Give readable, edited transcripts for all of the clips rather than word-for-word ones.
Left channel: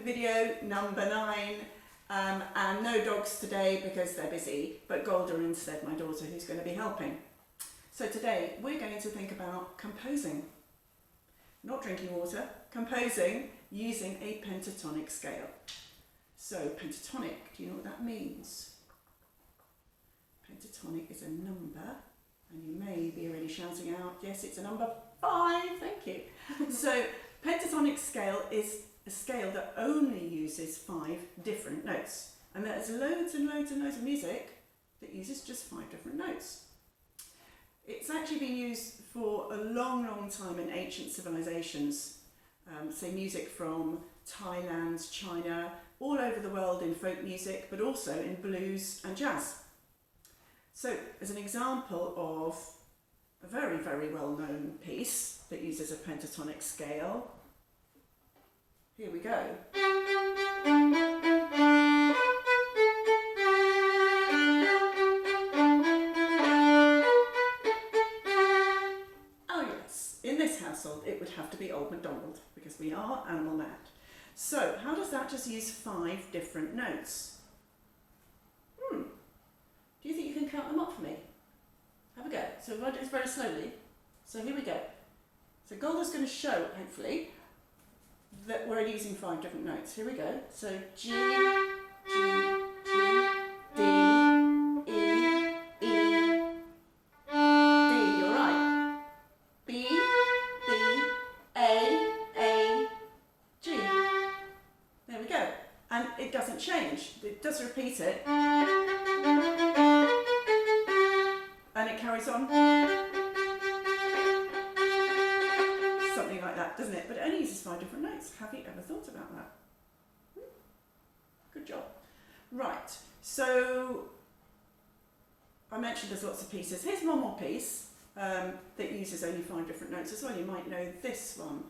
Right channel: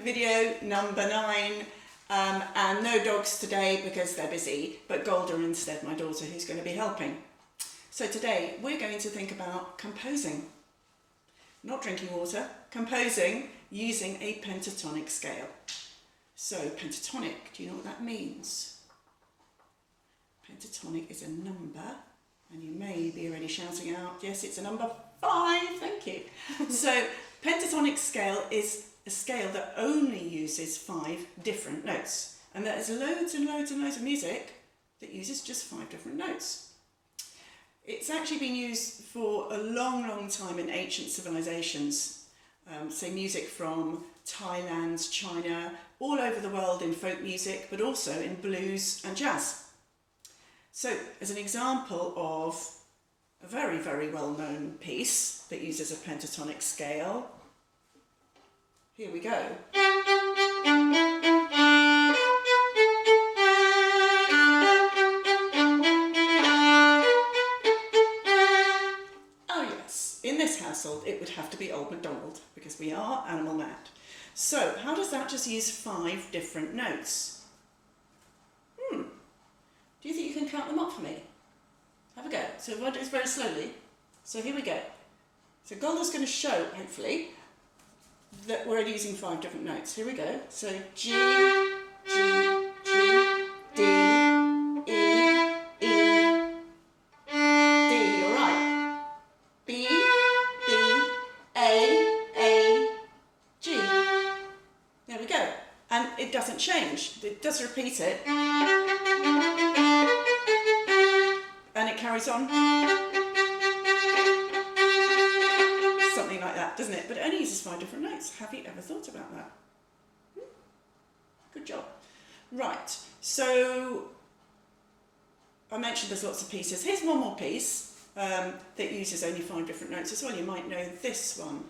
video number 9, and no dogs today because they're busy, but Golda instead, my daughter, who's going to be helping. So today we're going to think about composing, not drinking water, composing using a pentatonic scale. So pentatonic, do you know what that means? Pentatonic is a number, and you may be already shouting out, yes, it's a number 5, thank you. So pentatonic scale is a scale that only uses 5 different notes, and there's loads and loads and loads of music that uses just 5 different notes. It's actually been used for a long, long time in ancient civilizations, say music from Thailand, China, all over the world in folk music, but also in blues and jazz. So as an example of a very, very well-known piece that uses a pentatonic scale, here we go. Oh yes, in this household it would have to be Old MacDonald because we are animal mad. So how does that just use 5 different notes? Do you think you can count them up for me? Have a go. So we'll do this very slowly. So here we go. So Golda's going to show, hopefully, that we're only using 5 different notes. Here we go. So G, G, G, D, E, E, D. You're right. B, B, A, G. There we go. And it doesn't change. It does repeat it. And it carries on. Something like that, doesn't it? But it only uses 5 different notes. Have you ever thought about that? Good job. Right, so I mentioned there's lots of pieces. Here's one more piece that uses only 5 different notes as well. You might know this one.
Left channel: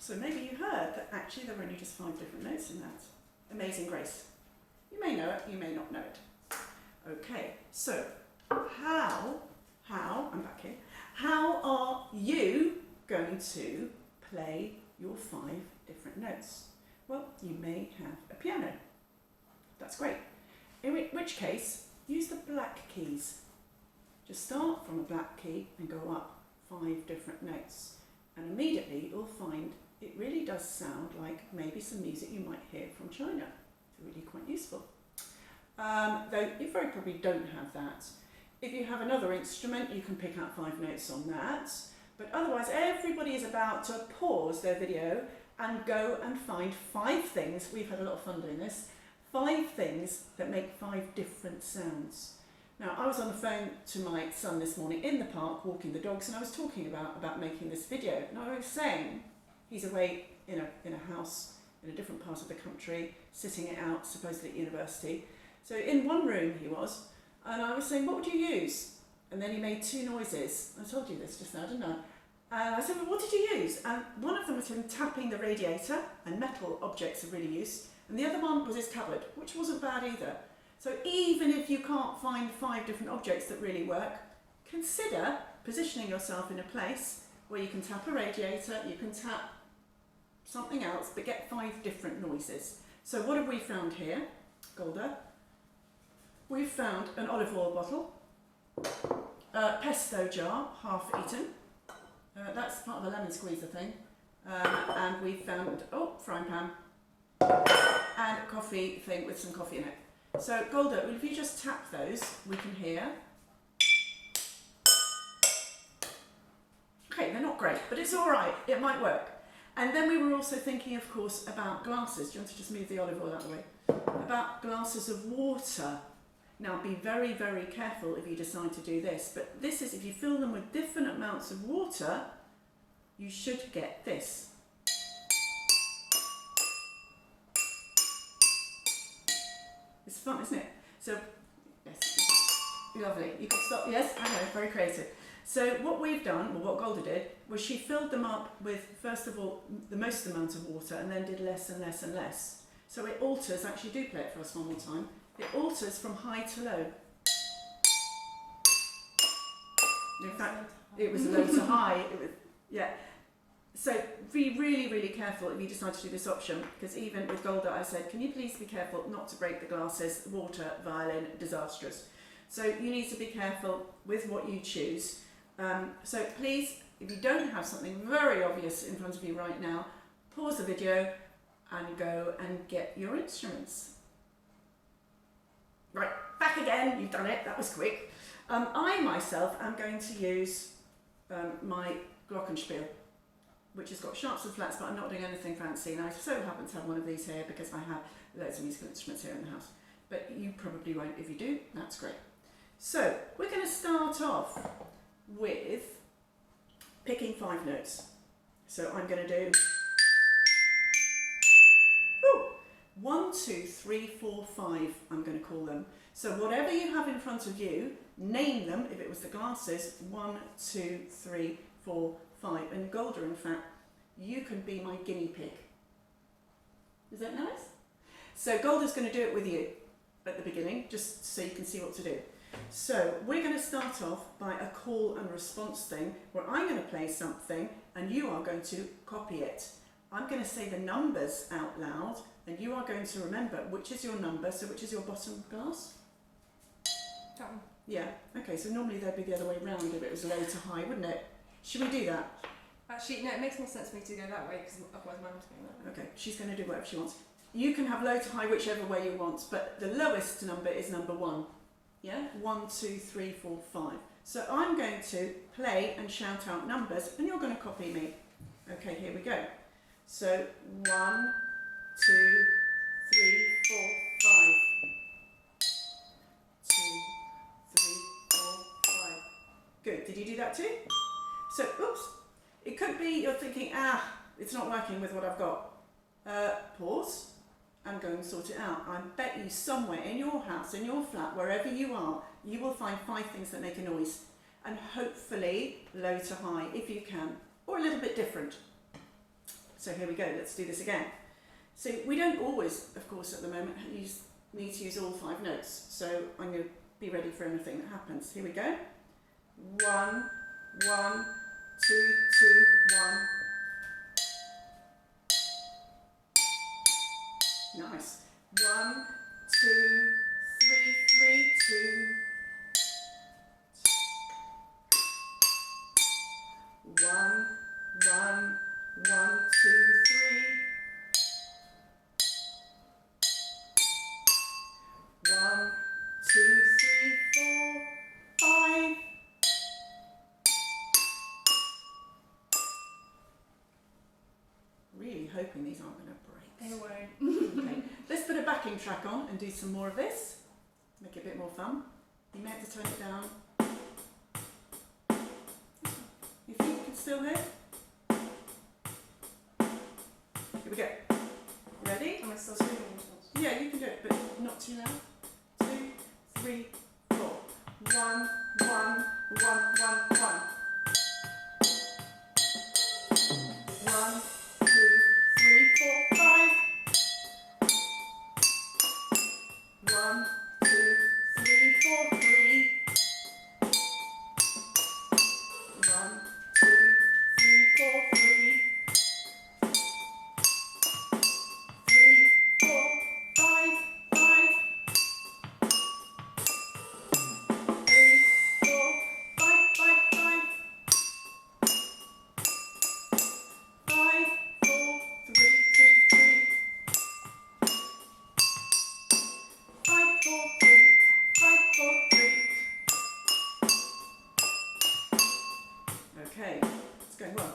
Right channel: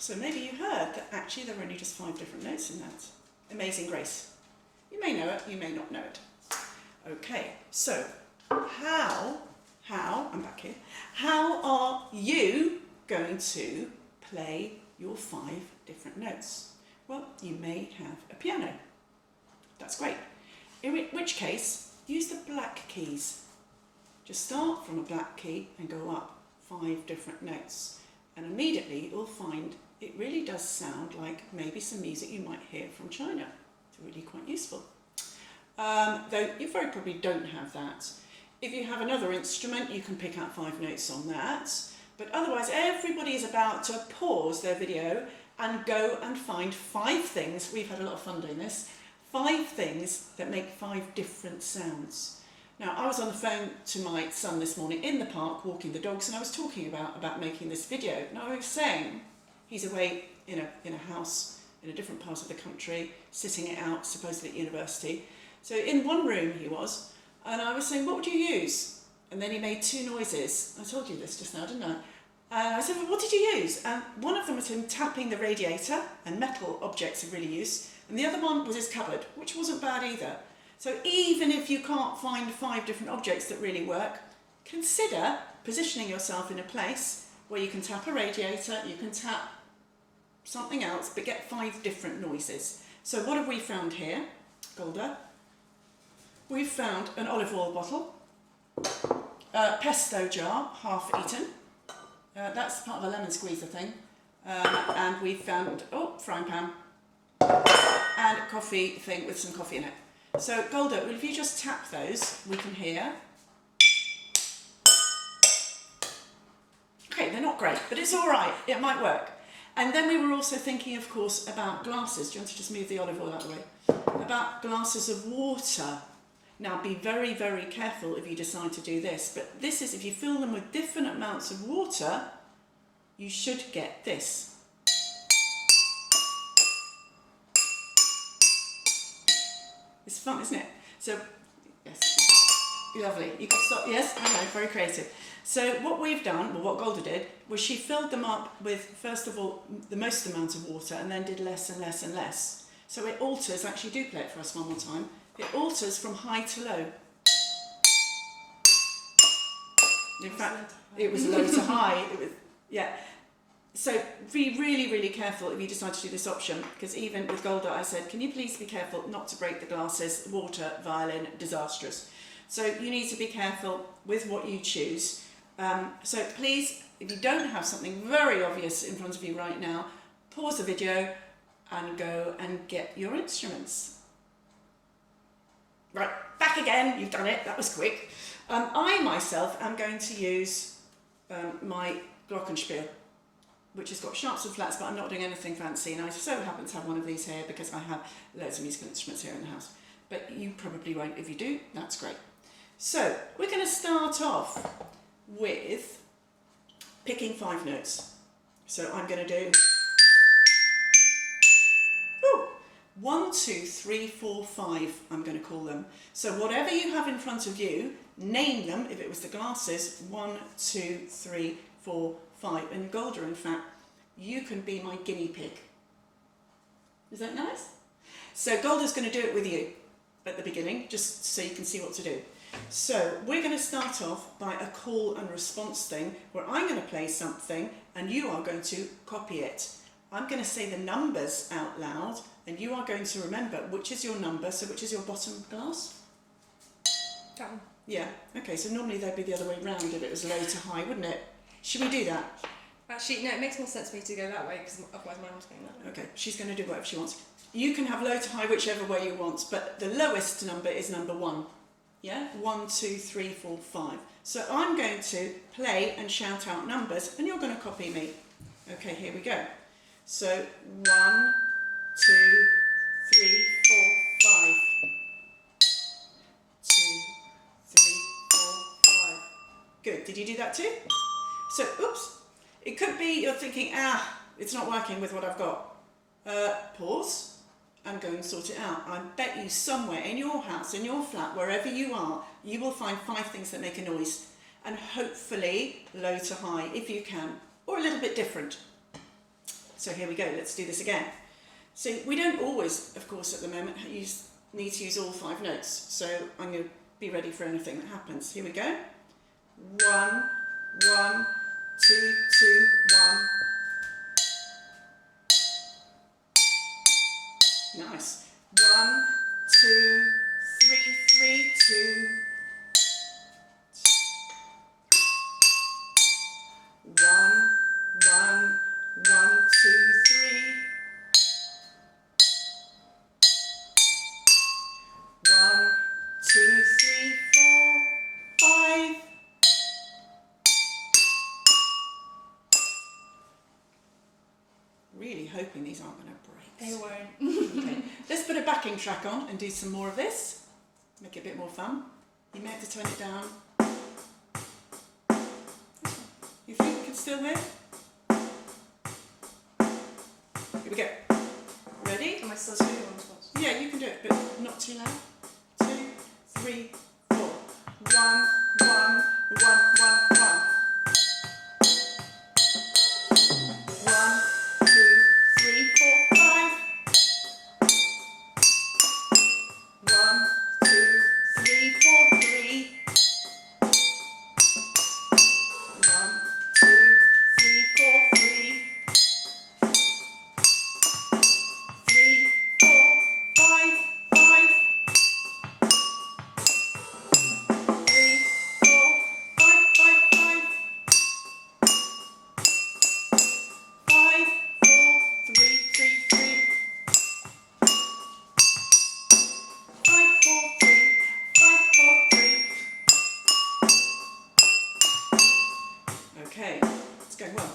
So maybe you heard that actually there are only just 5 different notes in that. Amazing Grace. You may know it, you may not know it. Okay, so I'm back here. How are you going to play your 5 different notes? Well, you may have a piano. That's great. In which case, use the black keys. Just start from a black key and go up 5 different notes. And immediately you'll find it really does sound like maybe some music you might hear from China. It's really quite useful. Though you very probably don't have that. If you have another instrument, you can pick out 5 notes on that. But otherwise, everybody is about to pause their video and go and find 5 things. We've had a lot of fun doing this. 5 things that make 5 different sounds. Now, I was on the phone to my son this morning in the park walking the dogs, and I was talking about making this video. And I was saying he's away in a house in a different part of the country, sitting it out, supposedly at university. So in one room he was, and I was saying, what would you use? And then he made 2 noises. I told you this just now, didn't I? And I said, well, what did you use? And one of them was him tapping the radiator, and metal objects are really used. And the other one was his cupboard, which wasn't bad either. So even if you can't find 5 different objects that really work, consider positioning yourself in a place where you can tap a radiator, you can tap something else, but get 5 different noises. So what have we found here, Golda? We've found an olive oil bottle, a pesto jar, half eaten. That's part of a lemon squeezer thing. And we found, frying pan, and a coffee thing with some coffee in it. So Golda, if you just tap those, we can hear. Okay, they're not great, but it's all right. It might work. And then we were also thinking, of course, about glasses. Do you want to just move the olive oil out of the way? About glasses of water. Now, be very, very careful if you decide to do this. But this is, if you fill them with different amounts of water, you should get this. It's fun, isn't it? So, yes, lovely. You can stop, yes, I know, very creative. So what we've done, well, what Golda did, was she filled them up with, first of all, the most amount of water, and then did less and less and less. So it alters, actually do play it for us one more time, it alters from high to low. In fact, it was low to high. It was, yeah. So be really, really careful if you decide to do this option, because even with Golda I said, can you please be careful not to break the glasses, water, violin, disastrous. So you need to be careful with what you choose. So please, if you don't have something very obvious in front of you right now, pause the video and go and get your instruments. Right, back again, you've done it, that was quick. I myself am going to use my Glockenspiel, which has got sharps and flats, but I'm not doing anything fancy, and I so happen to have one of these here because I have loads of musical instruments here in the house. But you probably won't. If you do, that's great. So we're going to start off with picking 5 notes. So I'm going to do 1, 2, 3, 4, 5, I'm going to call them. So whatever you have in front of you, name them. If it was the glasses, 1, 2, 3, 4, 5. And Golda, in fact, you can be my guinea pig. Is that nice? So Golda's going to do it with you at the beginning, just so you can see what to do. So we're going to start off by a call and response thing, where I'm going to play something and you are going to copy it. I'm going to say the numbers out loud, and you are going to remember which is your number, so which is your bottom glass? That one. Yeah, okay, so normally they'd be the other way round if it was low to high, wouldn't it? Should we do that? Actually, no, it makes more sense for me to go that way, because otherwise mine was going that way. Okay, she's going to do whatever she wants. You can have low to high whichever way you want, but the lowest number is number 1. Yeah? 1, 2, 3, 4, 5. So I'm going to play and shout out numbers, and you're going to copy me. Okay, here we go. So 1, 2, 3, 4, 5. 2, 3, 4, 5. Good. Did you do that too? So, oops. It could be you're thinking, it's not working with what I've got. Pause and go and sort it out. I bet you somewhere in your house, in your flat, wherever you are, you will find 5 things that make a noise. And hopefully low to high, if you can, or a little bit different. So here we go, let's do this again. So we don't always, of course, at the moment, need to use all 5 notes. So I'm going to be ready for anything that happens. Here we go. 1, 1, 2, 2, 1. Nice. 1, 2, 3, 3, 2. 1, 1, 1, 2, 3. 1, 2, 3, 4, 5. Really hoping these aren't going to break. They won't. Okay, let's put a backing track on and do some more of this. Make it a bit more fun. You may have to turn it down. You think we can still hear? Here we go. Ready? Am I still doing one response? Yeah, you can do it, but not too loud. 2, 3, 4. 1, 1, 1, 1, 1. 1, 2, 3, 4, 5. 1, 2, 3, 4, 3. 1, 2, 3, 4, 3. 3, 4, 5, 5. 3, 4, 5, 5, 5. 5, 4, 3, 3, 3. 5, 4, 3, 5, 4, 3. Okay, it's going well.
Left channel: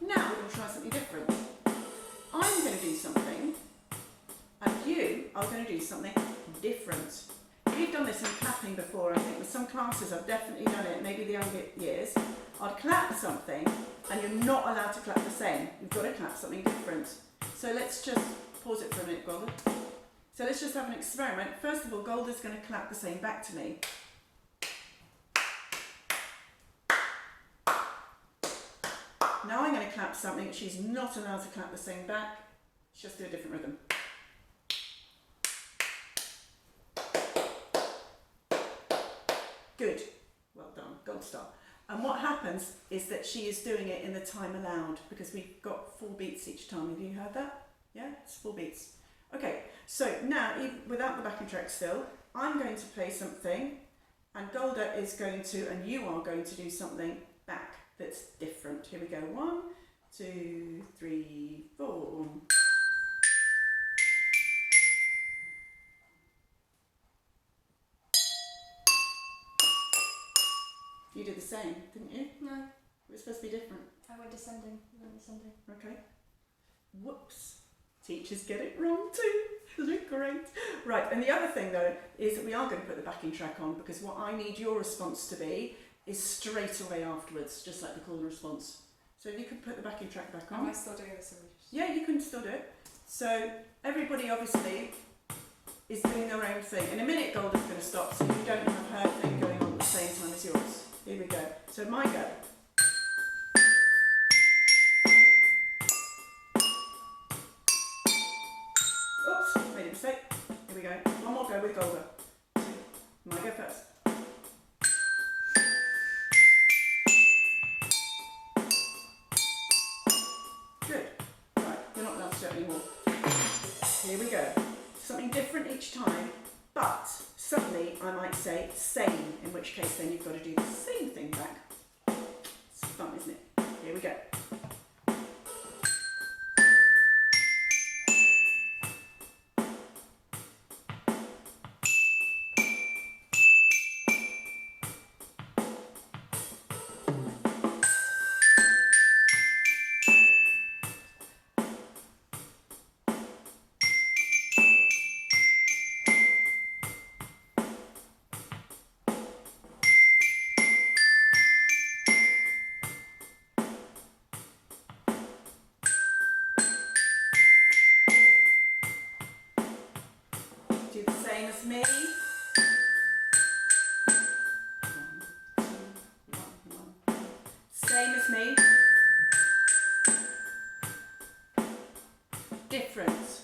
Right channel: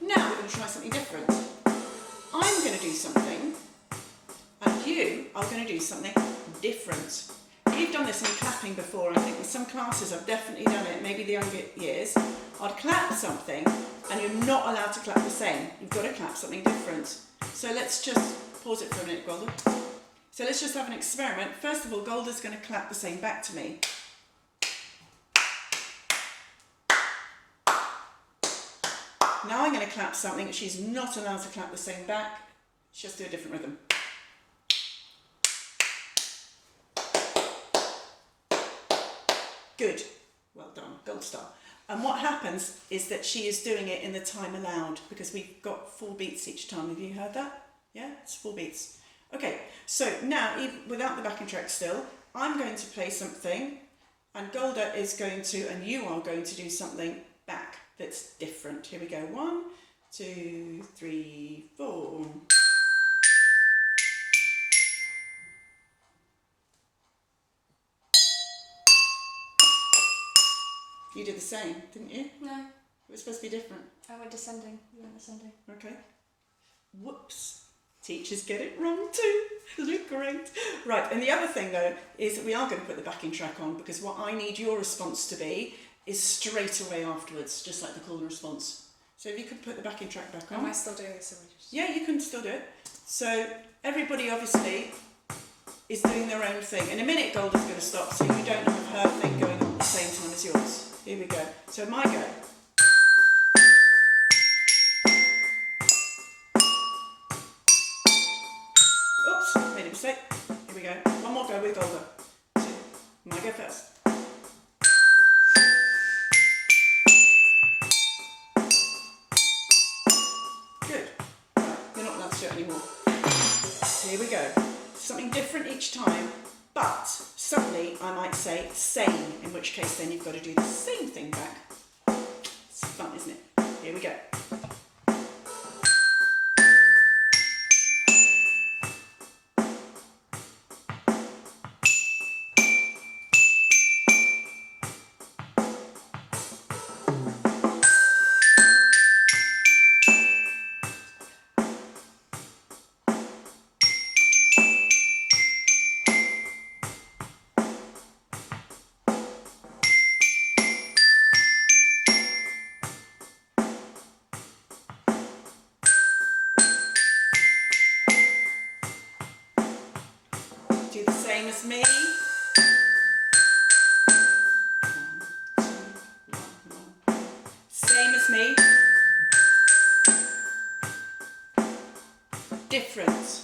Now we're going to try something different. I'm going to do something, and you are going to do something different. We've done this in clapping before. I think with some classes I've definitely done it, maybe the younger years. I'd clap something, and you're not allowed to clap the same. You've got to clap something different. So let's just pause it for a minute, Golda. So let's just have an experiment. First of all, Golda's going to clap the same back to me. Now I'm going to clap something that she's not allowed to clap the same back. Just do a different rhythm. Good. Well done. Gold star. And what happens is that she is doing it in the time allowed because we've got 4 beats each time. Have you heard that? Yeah, it's 4 beats. Okay, so now, even without the backing track still, I'm going to play something and Golda is going to, and you are going to do something back that's different. Here we go. 1, 2, 3, 4. You did the same, didn't you? No. It was supposed to be different. I went descending. You went ascending. Okay. Whoops. Teachers get it wrong too. Look great. Right, and the other thing though is that we are going to put the backing track on because what I need your response to be is straight away afterwards, just like the call and response. So if you could put the backing track back on. Am I still doing this? Yeah, you can still do it. So everybody obviously is doing their own thing. In a minute, Golda's going to stop, so you don't have her thing going on at the same time as yours. Here we go. So my go. Oops, made a mistake. Here we go. One more go with Golda. So my go first. Good. Right, you're not allowed to do it anymore. Here we go. Something different each time, but suddenly I might say same, in which case then you've got to do the same thing back. It's fun, isn't it? Here we go. Do the same as me. 1, 2, 1, 1. Same as me. Different.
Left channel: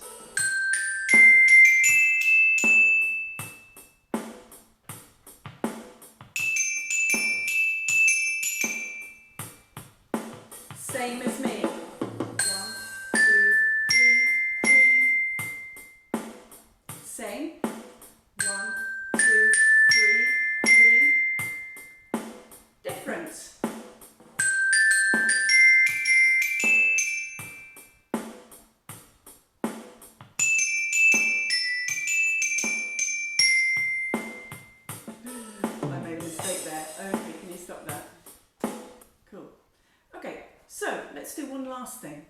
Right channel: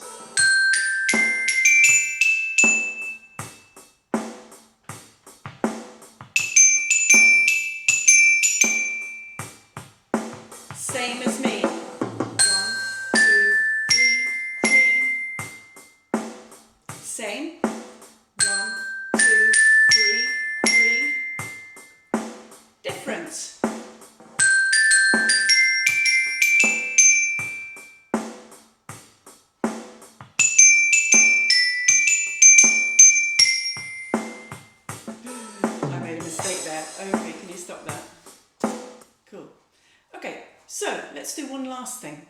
Same as me. 1, 2, 3, 3. Same. 1, 2, 3, 3. Different. I made a mistake there. Okay, can you stop that? Cool. Okay, so let's do one last thing.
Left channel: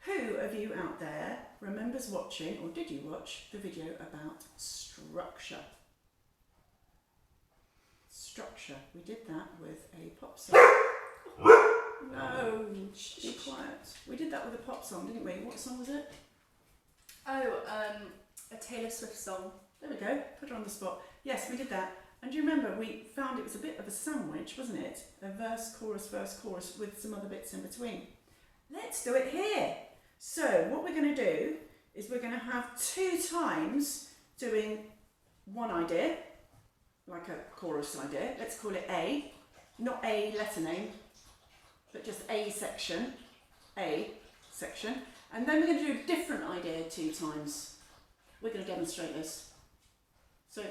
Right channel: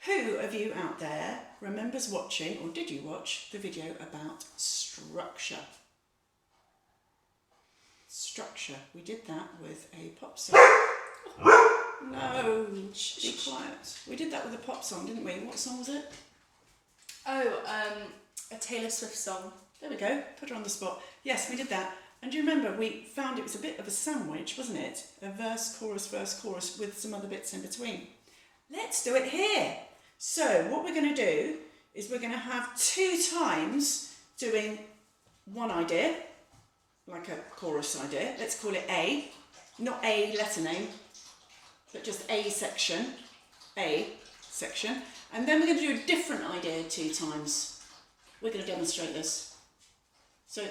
Who of you out there remembers watching, or did you watch, the video about structure? Structure. We did that with a pop song. No, be quiet. We did that with a pop song, didn't we? What song was it? Oh, a Taylor Swift song. There we go, put her on the spot. Yes, we did that. And do you remember, we found it was a bit of a sandwich, wasn't it? A verse, chorus, with some other bits in between. Let's do it here. So what we're going to do is we're going to have 2 times doing one idea, like a chorus idea. Let's call it A, not A letter name, but just A section. And then we're going to do a different idea 2 times. We're going to demonstrate this. So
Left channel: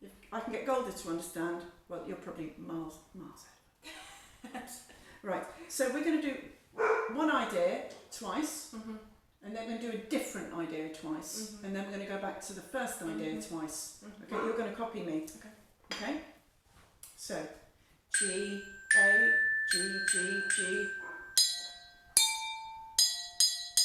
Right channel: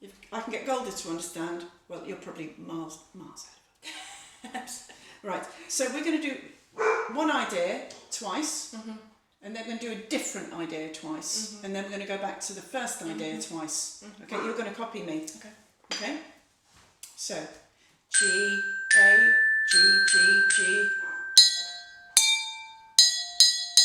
if I can get Golda to understand, well, you're probably miles ahead of us. Right, so we're going to do one idea twice, and then we're going to do a different idea twice, and then we're going to go back to the first idea twice. Okay, you're going to copy me. Okay? So, G, A, G, G, G.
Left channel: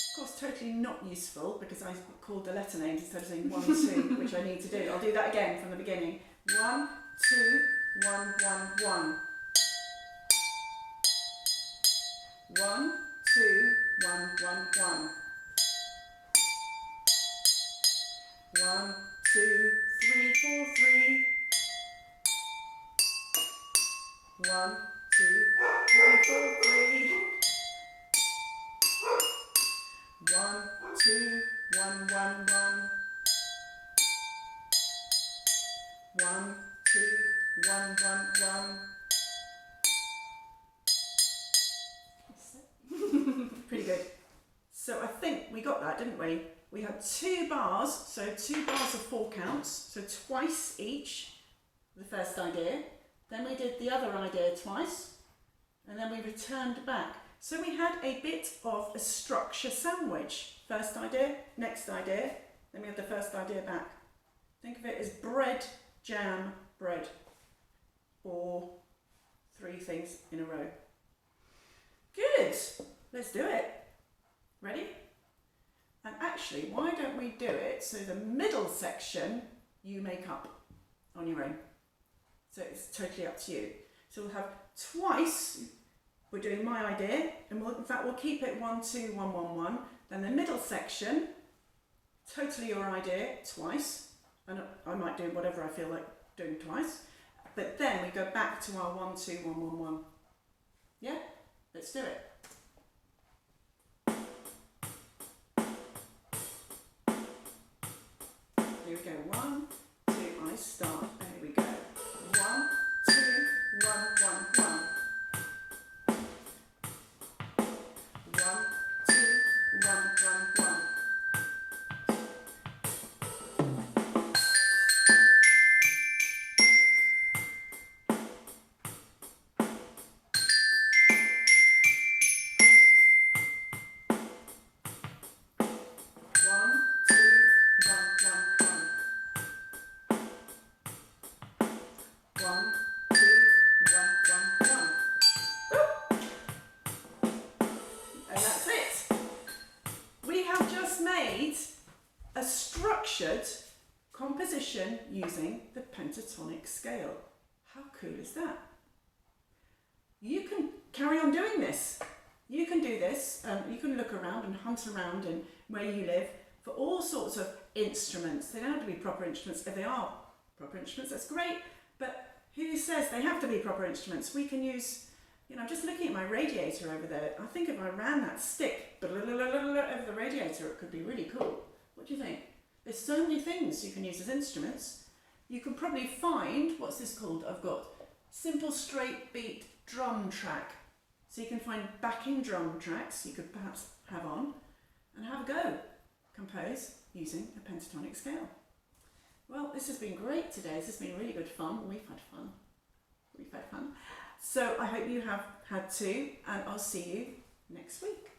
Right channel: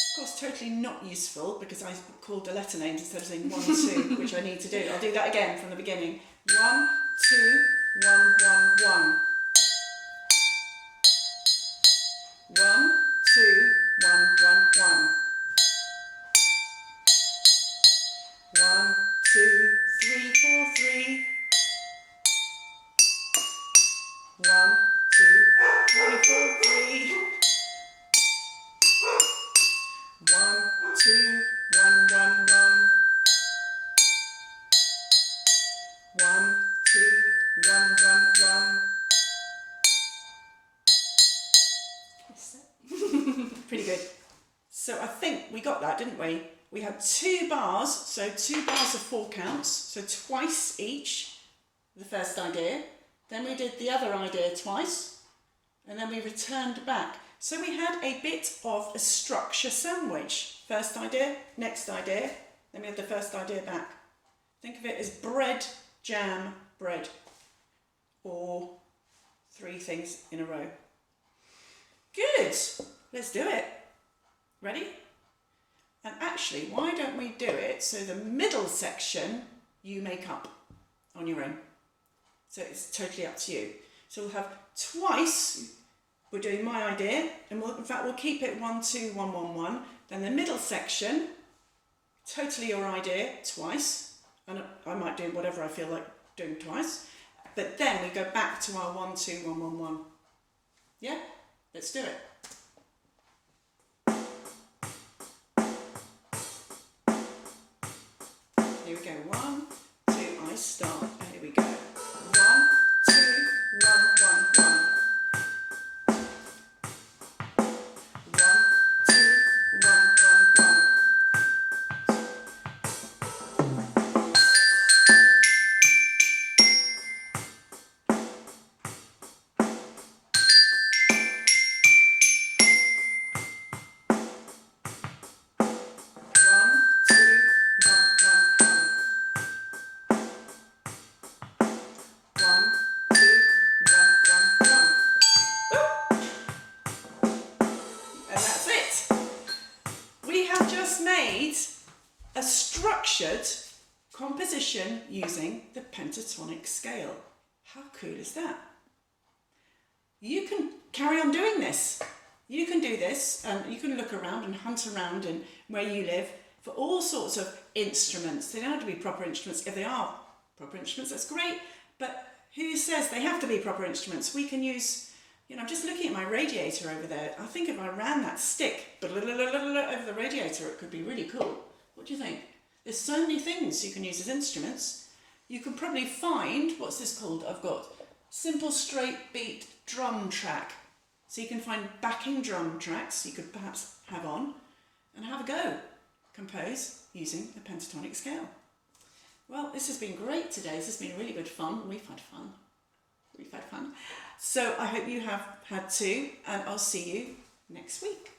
Of course, totally not useful because I called the letter names instead of saying 1, 2, which I need to do. I'll do that again from the beginning. 1, 2, 1, 1, 1. 1, 2, 1, 1, 1. 2, 3, 4, 3. 1, 2, 3, 4, 3. 1, 2, 1, 1, 1. 1, 2, 1, 1, 1. Pretty good. So I think we got that, didn't we? We had 2 bars, so 2 bars of 4 counts, so twice each, the first idea. Then we did the other idea twice, and then we returned back. So we had a bit of a structure sandwich. First idea, next idea, then we had the first idea back. Think of it as bread, jam, bread, or 3 things in a row. Good, let's do it. Ready? And actually, why don't we do it so the middle section you make up on your own? So it's totally up to you. So we'll have twice, we're doing my idea, and in fact we'll keep it 1, 2, 1, 1, 1. Then the middle section, totally your idea, twice. And I might do whatever I feel like doing twice. But then we go back to our 1, 2, 1, 1, 1. Yeah? Let's do it. Here we go. 1, 2, I start. And here we go. 1, 2, 1, 1, 1. 1, 2, 1, 1, 1. Made a structured composition using the pentatonic scale. How cool is that? You can carry on doing this. You can do this, and you can look around and hunt around and where you live for all sorts of instruments. They don't have to be proper instruments. If they are proper instruments, that's great, but who says they have to be proper instruments? We can use, I'm just looking at my radiator over there. I think if I ran that stick over the radiator, it could be really cool. What do you think? There's so many things you can use as instruments. You can probably find, what's this called? I've got simple straight beat drum track. So you can find backing drum tracks you could perhaps have on and have a go. Compose using the pentatonic scale. Well, this has been great today. This has been really good fun. We've had fun. So I hope you have had too, and I'll see you next week.